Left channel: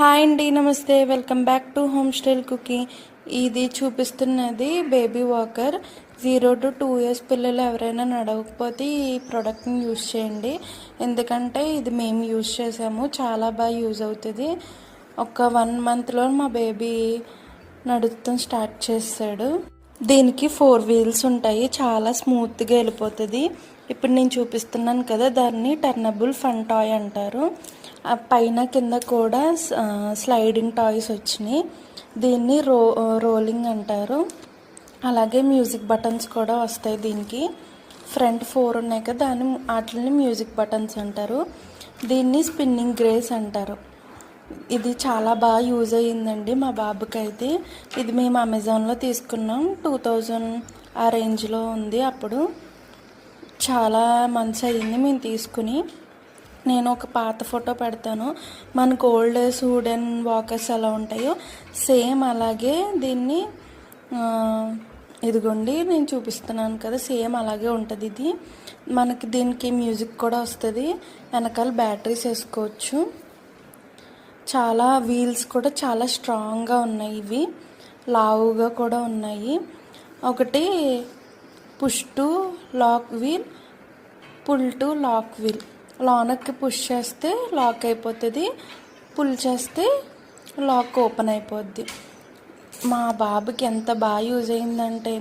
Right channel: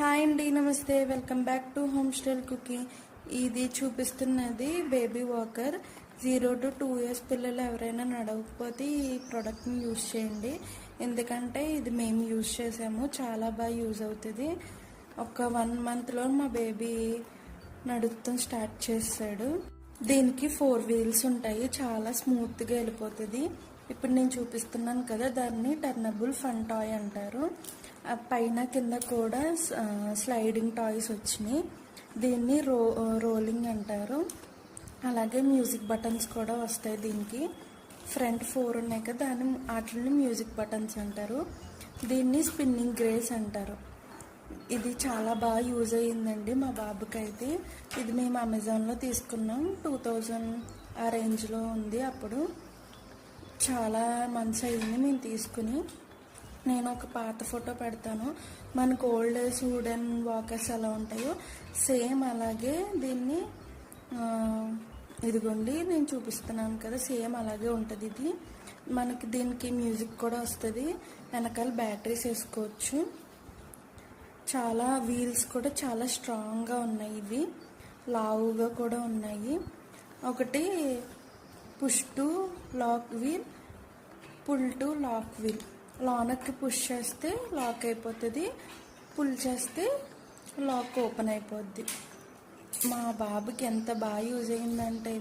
Hi అండి నమస్తే. Welcome back to home style cooking. ఇది చూపిస్తున్నది baby walker. Zero to two years పిల్లలు ఎవరైనా నడవకపోతే ఈ ప్రోడక్ట్ని యూజ్ చేయండి. ఎందుకంటే ఇది మేము యూజ్ చేసాము. చాలా బాగా యూజ్ అవుతుంది. ఒక వన్ మంత్లో మా బేబీ నడుస్తాం స్టార్ట్ చేస్తాడు. దీనికి ఫోర్ వీల్స్ ఉంటాయి. చాలా స్మూత్గా వెళ్ళిపోతుంది. ఇప్పుడు నేను చూపిస్తున్నాను కదా దాన్ని టర్నబుల్ ఫన్ టాయ్ అంటారు. పైన కింద కూడా స్లైడింగ్ టాయ్స్ వచ్చినాయి. దీన్ని రో రోలింగ్ అంటారు. అలాగే మ్యూజిక్ బటన్స్ కూడా వస్తాయి దీనికి. ఫ్రంట్ ఫోర్ ఉన్నాయి కదా దాని వాటిని మ్యూజిక్ బటన్స్ అంటారు. దీన్ని స్పిన్నింగ్ గ్రేస్ అంటారు. ఇది చాలా బాగా యూజ్ అయ్యిందండి మా బాబుకి అయితే ఇది మేము అమెజాన్లో తీసుకున్నాం. టూ థౌజండ్ ఆ రేంజ్లో ఉంది అప్పుడు. చాలా మంచి అయింది మేము తీసుకుని. నేను ఒక పాత ఫోటో పెడతాను. మనకు ఓల్డ్ డేస్ వుడెన్ వాకర్స్ ఎలా ఉంటాయో సేమ్ అలాగే దీన్ని ఇదిగోండి నేను చూపిస్తున్నాను కదా సేమ్ అలాగే ఉంటుంది ఇది. మనకి దీనికి మ్యూజిక్ కూడా వస్తుంది. వెనకాల బ్యాటరీస్ వేసుకోవచ్చు. చాలా వీల్స్ కూడా చాలా స్ట్రాంగ్గా ఉన్నాయి ఇవి. లావుగా కూడా ఉన్నాయి. ఒకటి push to lock wheel pull to lock wheel. లోనకి పుష్ చేస్తే లాక్ అయిపోతుంది. పుల్ చేస్తే లాక్ ఓపెన్ అయిపోద్ది. మా బాబుకి ఎంత బాగా యూజ్ అయిందంటే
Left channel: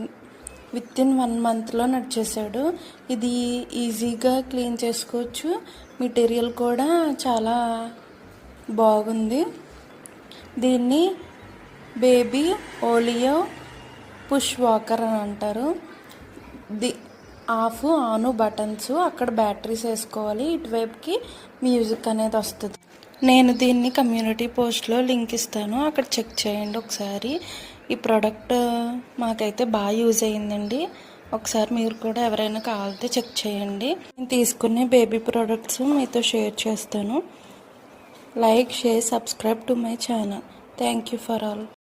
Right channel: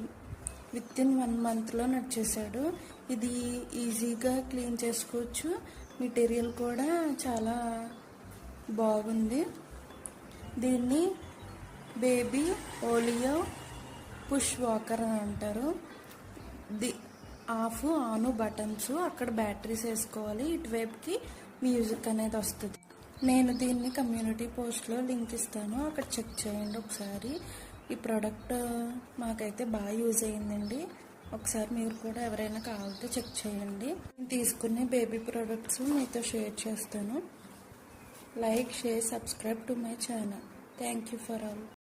విత్ ఇన్ వన్ మంత్లో నడిచేసాడు ఇది ఈజీగా క్లీన్ చేసుకోవచ్చు. మెటీరియల్ కూడా చాలా బాగుంది. దీన్ని బేబీ ఓలియో పుష్ వాకర్ అని అంటారు. ది ఆఫ్ ఆన్ బటన్స్ అక్కడ బ్యాటరీస్ వేసుకోవాలి. ఇటువైపుకి మ్యూజిక్ అనేది వస్తుంది. నేను దీన్ని కమ్యూనిటీ పోస్ట్లో లింక్ ఇస్తాను. అక్కడ చెక్ చేయండి ఒకసారి. ఈ ప్రోడక్ట్ మాకైతే బాగా యూజ్ అయ్యిందండి. ఒకసారి మీరు కూడా ఎవరైనా కావాలితే చెక్ చేయండి. నేను తీసుకునే బేబీ ప్రోడక్ట్స్ మీతో షేర్ చేస్తాను. Like share subscribe to my channel. Thank you for all.